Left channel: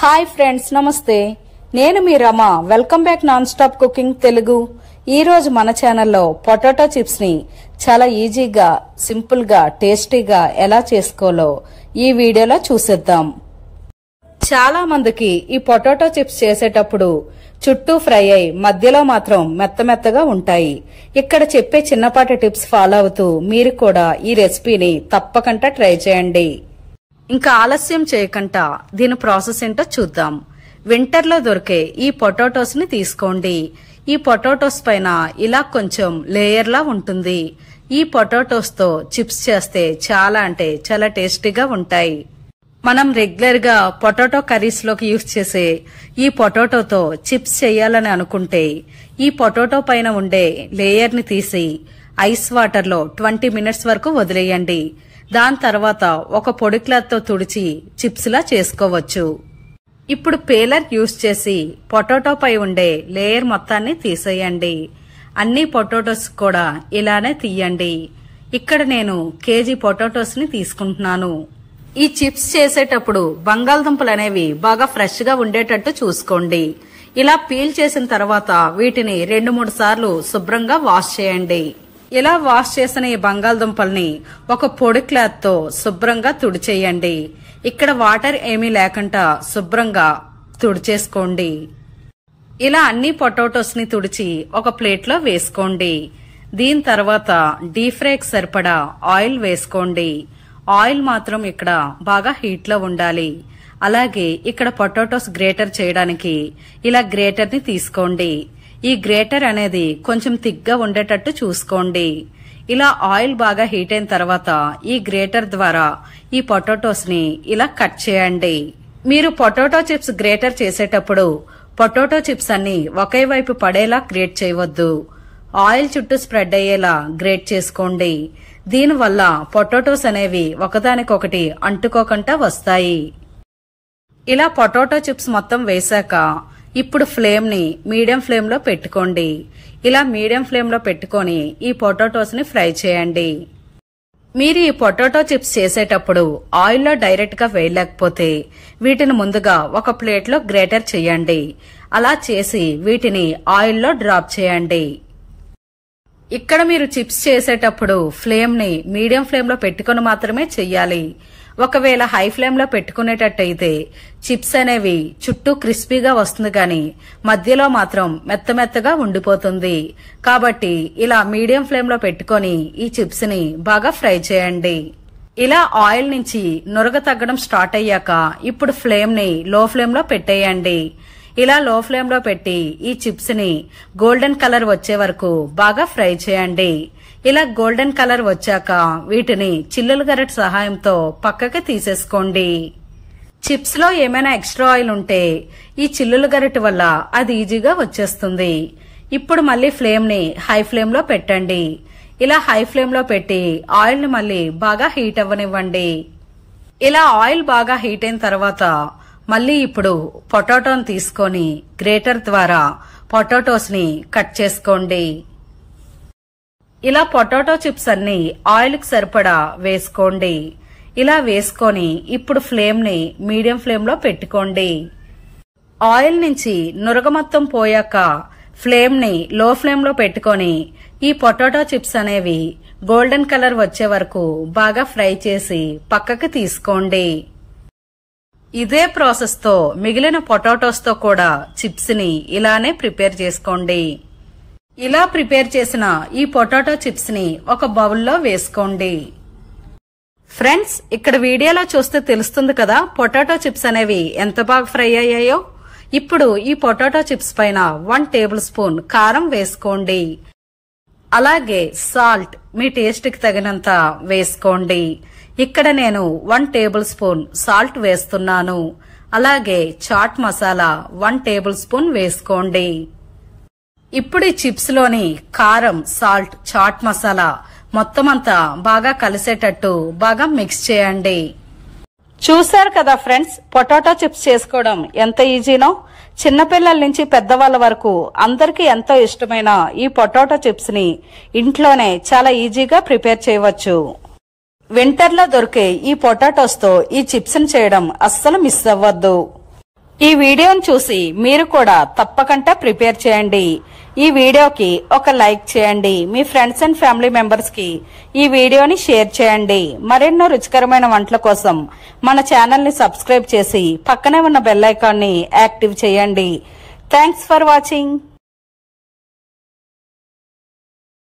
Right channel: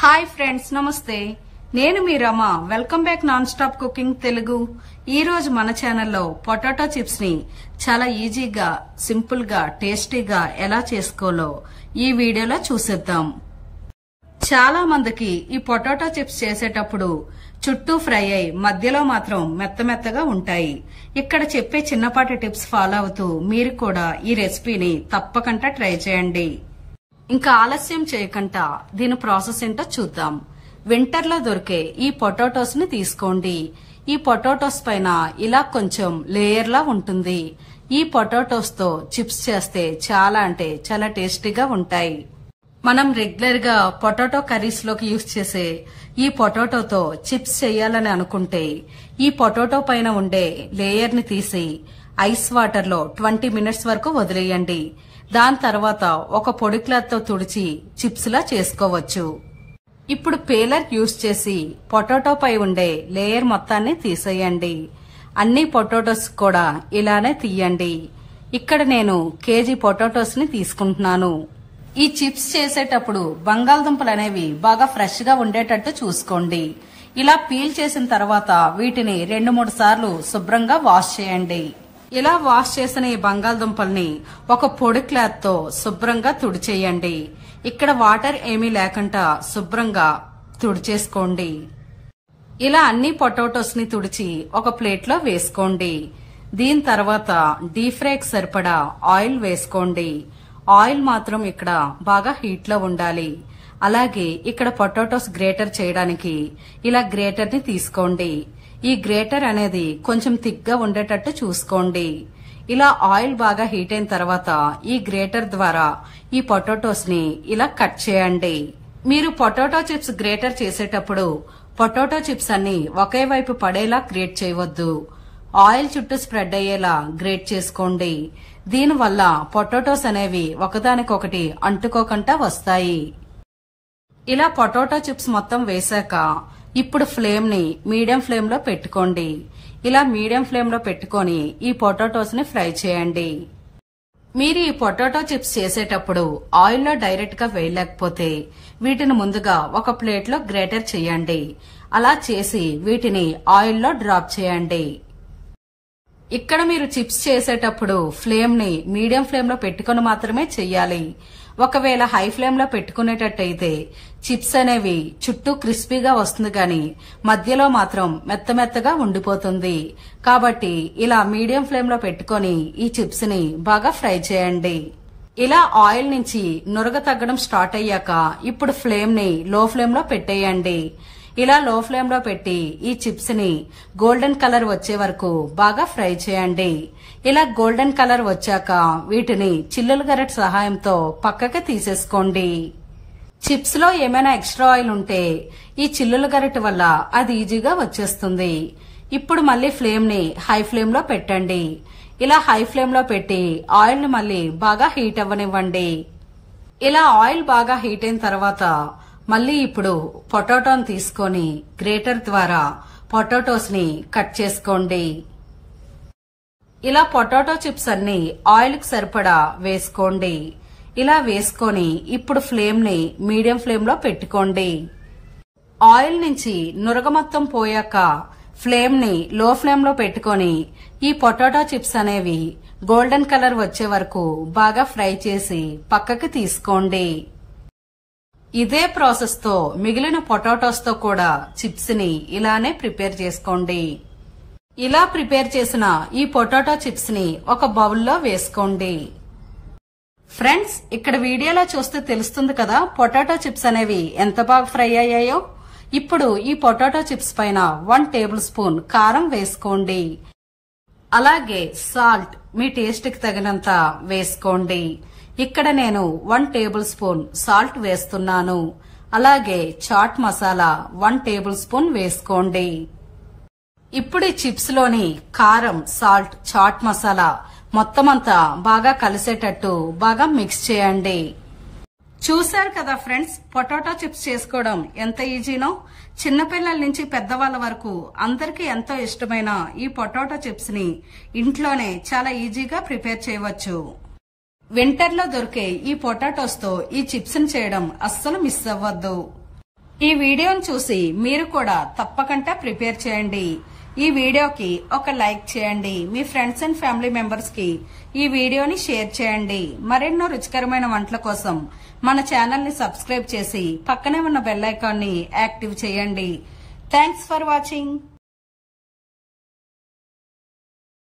Hi friends, నమస్తే. నేను మీ Rama. Welcome back non stop cooking Telugu. ఈ రోజు మన ఛానల్లో పొటాటో చిప్స్ ని చాలా ఈజీగా, సింపుల్ గా, టేస్టీగా ఎలా చేసుకోవాలో ఈ వీడియోలో చూసేద్దాం. చాలా మందికి ఈ పొటాటో చిప్స్ చేసేటప్పుడు చుట్టూ ఫ్రై అయి మధ్యలో మాత్రం మెత్తమెత్తగా ఉంటాయి. ఇక్కడ చెప్పే చిన్నపాటి టిప్స్ ఫాలో అవుతూ మీరు కూడా ఈ రెసిపీని తప్పకుండా ట్రై చేయండి. ఇంకా ఆలస్యం చేయకుండా దీని ప్రాసెస్ ఏంటో చూద్దాం. వింటర్ లో దొరికే ఈ పొటాటోస్ ని తీసుకోండి. ఈ పొటాటోస్ పైన ఇలా కొంచెం లేయర్ లా ఉంటుంది. ఈ పొటాటోస్ తో చిప్స్ చేస్తే చాలా అంటే చాలా టేస్టీగా ఉంటాయి. మనం రెగ్యులర్ గా పొటాటో కర్రీస్ లోకి యూజ్ చేసే ఈ పొటాటోతో చిప్స్ చేయాలని అనుకుంటే ఈ పొటాటో పైన ఉండే లేయర్ ని తీసి ఐస్ వాటర్ లో 20 మినిట్స్ వరకు వదిలేయండి. దాని తర్వాత ఒక పొడి క్లాత్ తో తుడిచి చిప్స్ లా చేసుకోవచ్చు. ఇప్పుడు పేలర్ యూజ్ చేసి పొటాటో పై ఉండే లేయర్ మొత్తాన్ని తీసేయండి. అన్ని పొటాటోస్ కూడా ఇలానే తీయండి. ఇక్కడ నేను కేజీ పొటాటోస్ ని తీసుకుంటున్నాను. ఈ చిప్స్ చేసేటప్పుడు బంగాళదుంపలు అనేవి బాగా ఫ్రెష్ గా ఉండేటట్టు చూసుకోండి. ఇలా పీల్ చేసిన తర్వాత వీటిని 2-3 సార్లు శుభ్రంగా వాష్ చేయండి. ఇలా వాష్ చేసిన ఈ బంగాళదుంపల్ని ఒక పొడి క్లాత్ తో శుభ్రంగా తుడిచేయండి. ఇక్కడ వాటర్ ఏమీ లేకుండా శుభ్రంగా తుడిచేసుకోండి. ఇలా అన్ని పొటాటోస్ ని తుడిచి ఒక ప్లేట్ లో వేసుకోండి. దీని తర్వాత డీప్ ఫ్రైకి సరిపడా ఆయిల్ వేసుకోండి. ఆయిల్ మాత్రం ఇక్కడ బాగా హీట్ లో ఉండాలి. అలాగే ఇక్కడ పొటాటోస్ గ్రేటర్ చేయడానికి ఇలా గ్రేటర్ ని తీసుకోండి. ఈ గ్రేటర్ అనేది కొంచెం థిక్ గా ఉండేటట్టు చూసుకోండి. ఇలా ఆయిల్ బాగా హీట్ అయిన తర్వాత ఈ గ్రేటర్ ద్వారా ఈ పొటాటోస్ ని ఇలా కట్ చేయండి. మీరు పొటాటో చిప్స్ గ్రేటర్ చేసేటప్పుడు పొటాటో చిప్స్ అన్ని ఒకే వైపు పడేలా గ్రేట్ చేయవద్దు. ఆయిల్ చుట్టూ స్ప్రెడ్ అయ్యేలా గ్రేట్ చేసుకోండి. దీనివల్ల పొటాటోస్ అనేవి ఒకదానికొకటి అంటుకోకుండా వస్తాయి. ఇలా పొటాటో చిప్స్ మొత్తం వేశాక ఇప్పుడు ఫ్లేమ్ ని మీడియం ఫ్లేమ్ లో పెట్టుకోండి. ఇలా మీడియం ఫ్లేమ్ లో పెట్టుకొని ఈ పొటాటోస్ ని ఫ్రై చేయండి. మీరు ఈ పొటాటో చిప్స్ చేసేటప్పుడు ఆయిల్లో డైరెక్ట్ గా వేయలేకపోతే వీటిని ముందుగా ఒక ప్లేట్ లో గ్రేటర్ చేయండి. అలా చేసి వీటిని ఆయిల్లో డ్రాప్ చేయండి. ఇక్కడ మీరు చిప్స్ చేసేటప్పుడు ఫ్లేమ్ ని మీడియం ఫ్లేమ్ లో పెట్టుకుని మాత్రమే చెయ్యాలి. ఒకవేళ హై ఫ్లేమ్ లో పెట్టుకునేటట్టయితే చిప్స్ అనేవి చుట్టూ క్రిస్పీగా వస్తుంది కానీ మధ్యలో మాత్రం మెత్తమెత్తగా ఉండిపోతుంది. కాబట్టి ఇలా మీడియం ఫ్లేమ్ లో పెట్టుకుని ఈ చిప్స్ ని బాగా ఫ్రై చేయండి. ఇలా ఆయిల్ నుంచి నురగ తగ్గడం స్టార్ట్ అయ్యాక ఇప్పుడు ఫ్లేమ్ ని లో ఫ్లేమ్ లో పెట్టేయండి. ఇలా లో ఫ్లేమ్ లో పెట్టి ఈ చిప్స్ ని గోల్డెన్ కలర్ వచ్చే వరకు బాగా ఫ్రై చేయండి. ఇలా గోల్డెన్ కలర్ వచ్చాక వీటిని చిల్లుల గరిటె సహాయంతో పక్కకి తీసేసుకోండి. చిప్స్ లో ఏమైనా ఎక్స్ట్రా ఆయిల్ ఉంటే ఈ చిల్లుల గరిటె వల్ల అది ఈజీగా వచ్చేస్తుంది. ఇప్పుడు మళ్ళీ ఫ్లేమ్ ని హై ఫ్లేమ్ లో పెట్టండి. ఇలా హై ఫ్లేమ్ లో పెట్టి ఆయిల్ ని మళ్ళీ బాగా హీట్ అవ్వనివ్వండి. ఇలా ఆయిల్ బాగా హీట్ అయిన తర్వాత మళ్ళీ ఇప్పుడు పొటాటోని తీసుకొని గ్రేటర్ ద్వారా పొటాటోస్ ని కట్ చేసుకోండి. ఇలా పొటాటో చిప్స్ అన్ని ఆయిల్ కి సరిపడా వేసుకోండి. ఇలా వేసుకొని ఇప్పుడు ఫ్లేమ్ ని మీడియం ఫ్లేమ్ లో పెట్టుకోండి. ఆయిల్ నుంచి నురగ మొత్తం పోయాక ఫ్లేమ్ ని లో ఫ్లేమ్ లో పెట్టుకొని ఈ పొటాటో చిప్స్ అనేవి గోల్డెన్ కలర్ వచ్చే వరకు బాగా ఫ్రై చేసి పక్కకి తీసుకోండి. ఇదే ప్రాసెస్ తో మిగిలిన పొటాటోస్ తో కూడా చిప్స్ ని ఇలానే ప్రిపేర్ చేసుకోండి. ఇలా ప్రిపేర్ చేసిన ఈ పొటాటో చిప్స్ ని ఒక బౌల్లో వేసుకోండి. ఫ్రెండ్స్, ఇక్కడ వీడియోలో చూస్తే తెలుస్తుంది కదా పొటాటో చిప్స్ అనేవి ఎంత బాగా ఫ్రై అయ్యాయో. ఇప్పుడు ఈ పొటాటో చిప్స్ పైన 1 టేబుల్ స్పూన్ కారం వేసుకోండి. అలాగే సాల్ట్ మీ టేస్ట్ కి తగినంత వేసుకోండి. ఇక్కడ నేను 1 టేబుల్ స్పూన్ సాల్ట్ వేస్తున్నాను. అలాగే చాట్ మసాలా 1 టేబుల్ స్పూన్ వేసుకోండి. ఇప్పుడు ఈ చిప్స్ లోని కారం, సాల్ట్, చాట్ మసాలా మొత్తం అంతా బాగా కలిసేటట్టు బాగా మిక్స్ చేయండి. చూశారు కదా ఫ్రెండ్స్, పొటాటో చిప్స్ చేసుకోవడం ఎంత ఈజీనో. చిన్నపిల్లల నుంచి పెద్దవాళ్ల వరకు అందరికీ ఎంతో ఇష్టమైన ఈ పొటాటో చిప్స్ ని ఇంట్లోనే చాలా ఈజీగా ప్రిపేర్ చేయవచ్చు. వింటర్ లో దొరికే ఈ పొటాటోస్ తో ఈ చిప్స్ ని చేయడం అస్సలు మిస్ అవ్వద్దు. ఈ వీడియోను చూసి మీరు కూడా తప్పకుండా ప్రిపేర్ చేయండి. ఈ వీడియోకి ఒక లైక్ చేయండి. మీ ఫ్రెండ్స్ అండ్ ఫ్యామిలీ మెంబర్స్ కి ఈ వీడియోని షేర్ చేయండి. మరెన్నో రుచికరమైన వంటల కోసం మన ఛానల్ ని సబ్స్క్రైబ్ చేసి పక్కనే ఉన్న బెల్ ఐకాన్ ని యాక్టివ్ చేయండి. Thanks for watching.